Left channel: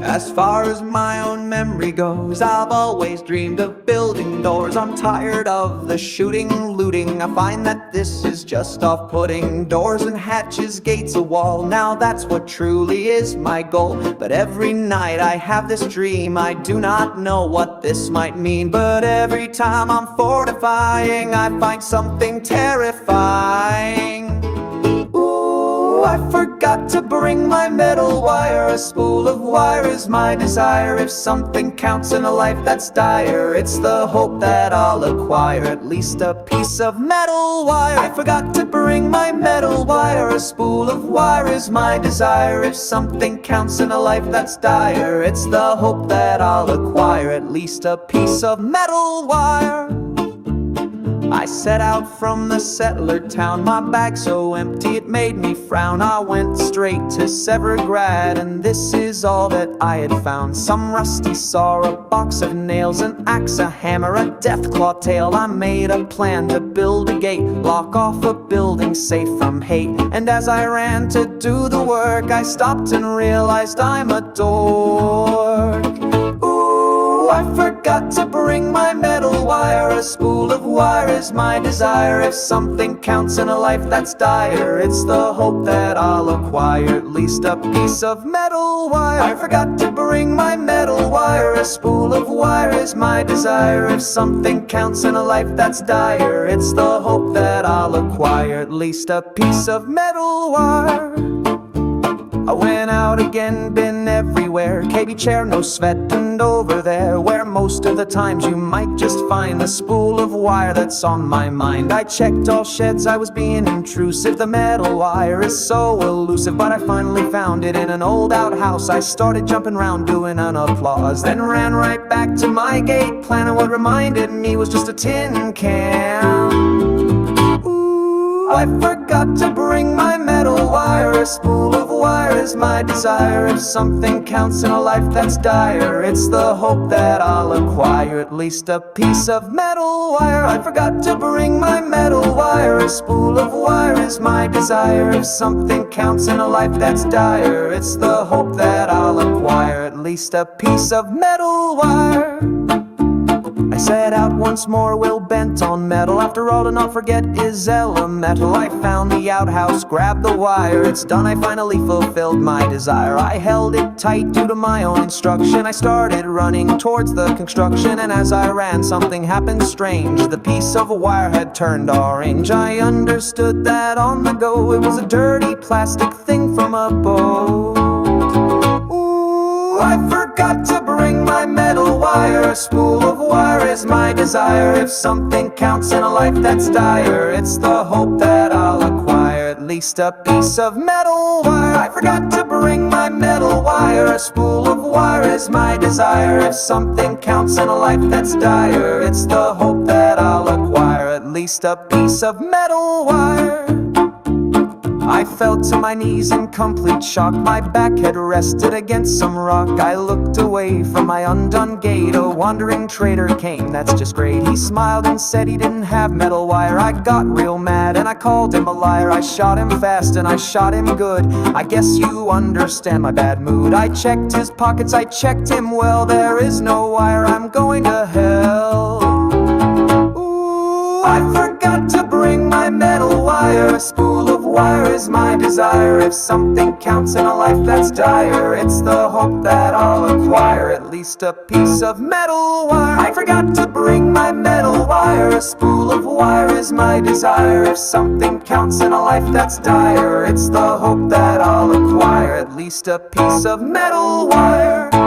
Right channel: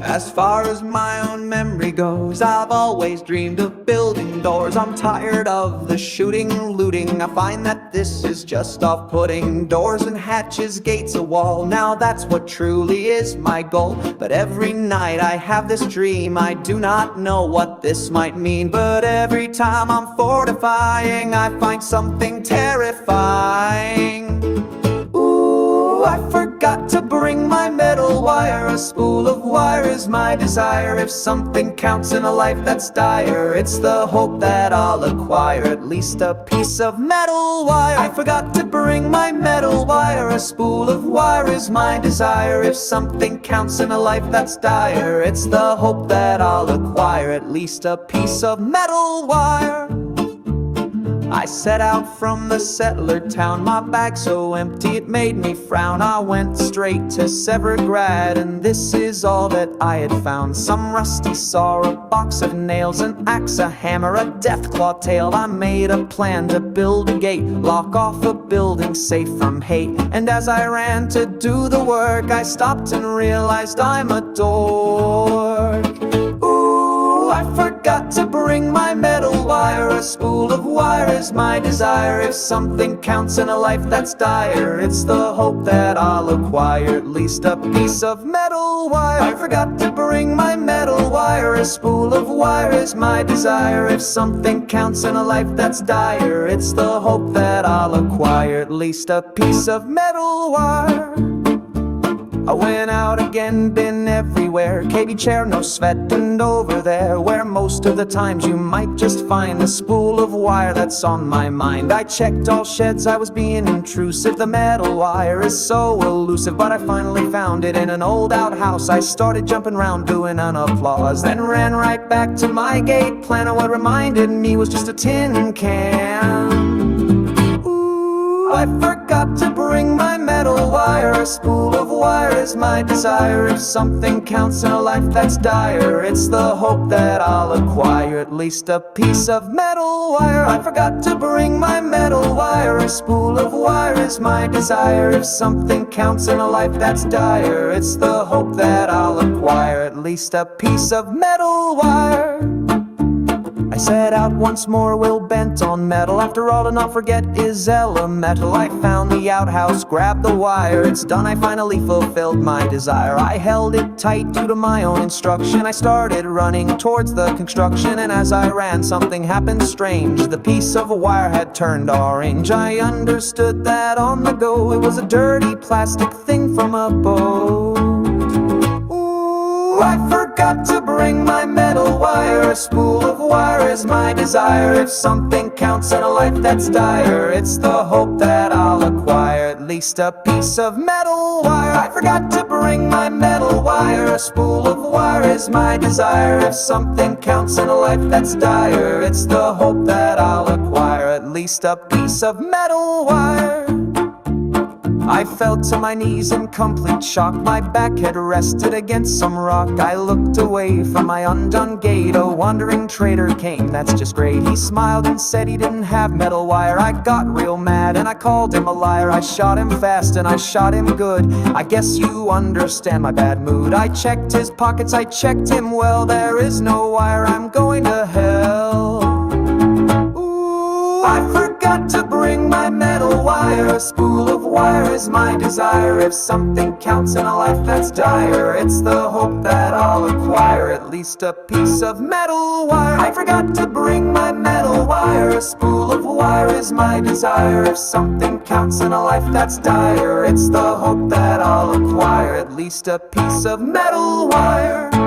As far as my own memory goes, I've always dreamed of building doors. I'm tired of the shooting, looting. I find that this is just off-putting. Doors and hatches, gates, a wall. Now that's what truly is my goal. But every night I have this dream. I do not know what this might mean, but every time I'm fortifying, I find something terrifying. I forgot to bring my metal wire. A spool of wire is my desire. If something counts in a life that's dire, it's the hope that I'll acquire at least a piece of metal wire. I forgot to bring my metal wire. A spool of wire is my desire. If something counts in a life that's dire, it's the hope that I'll acquire at least a piece of metal wire. I set out from the settler town, my bag so empty it made me frown. I went straight to Severgrad, and this is all that I had found. Some rusty saw, a box of nails, an axe, a hammer, a deathclaw tail. I made a plan to build a gate, lock off a building safe from hate. And as I ran to do the work, I stopped and realized I'm a dork. I forgot to bring my metal wire. A spool of wire is my desire. If something counts in a life that's dire, it's the hope that I'll acquire at least a piece of metal wire. I forgot to bring my metal wire. A spool of wire is my desire. If something counts in a life that's dire, it's the hope that I'll acquire at least a piece of metal wire. I went out again, been everywhere. KB chair, no sweat, and over there, where most of the times you might just find the spool of wire that's on my mind. I checked all sheds, I was being intrusive. The metal wire is so elusive, but I finally found it in an old outhouse. I started jumping around doing an applause, then ran right back to my gate plan. And what reminded me was just a tin can. I forgot to bring my metal wire. A spool of wire is my desire. If something counts in a life that's dire, it's the hope that I'll acquire at least a piece of metal wire. I forgot to bring my metal wire. A spool of wire is my desire. If something counts in a life that's dire, it's the hope that I'll acquire at least a piece of metal wire. I set out once more, will bent on metal. After all, to not forget is elemental. I found the outhouse, grabbed the wire. It's done, I finally fulfilled my desire. I held it tight due to my own instruction. I started running towards the construction, and as I ran, something happened strange. The piece of wire had turned orange. I understood that on the go, it was a dirty plastic thing from a boat. I forgot to bring my metal wire. A spool of wire is my desire. If something counts in a life that's dire, it's the hope that I'll acquire at least a piece of metal wire. I forgot to bring my metal wire. A spool of wire is my desire. If something counts in a life that's dire, it's the hope that I'll acquire at least a piece of metal wire. I fell to my knees in complete shock. My back had rested against some rock. I looked away from my undone gate. A wandering trader came, that's just great. He smiled and said he didn't have metal wire. I got real mad and I called him a liar. I shot him fast and I shot him good. I guess you understand my bad mood. I checked his pockets, I checked him well. There is no wire, I'm going to hell. I forgot to bring my metal wire. A spool of wire is my desire. If something counts in a life that's dire, it's the hope that I'll acquire at least a piece of metal wire. I forgot to bring my metal wire. A spool of wire is my desire. If something counts in a life that's dire, it's the hope that I'll acquire at least a piece of metal wire.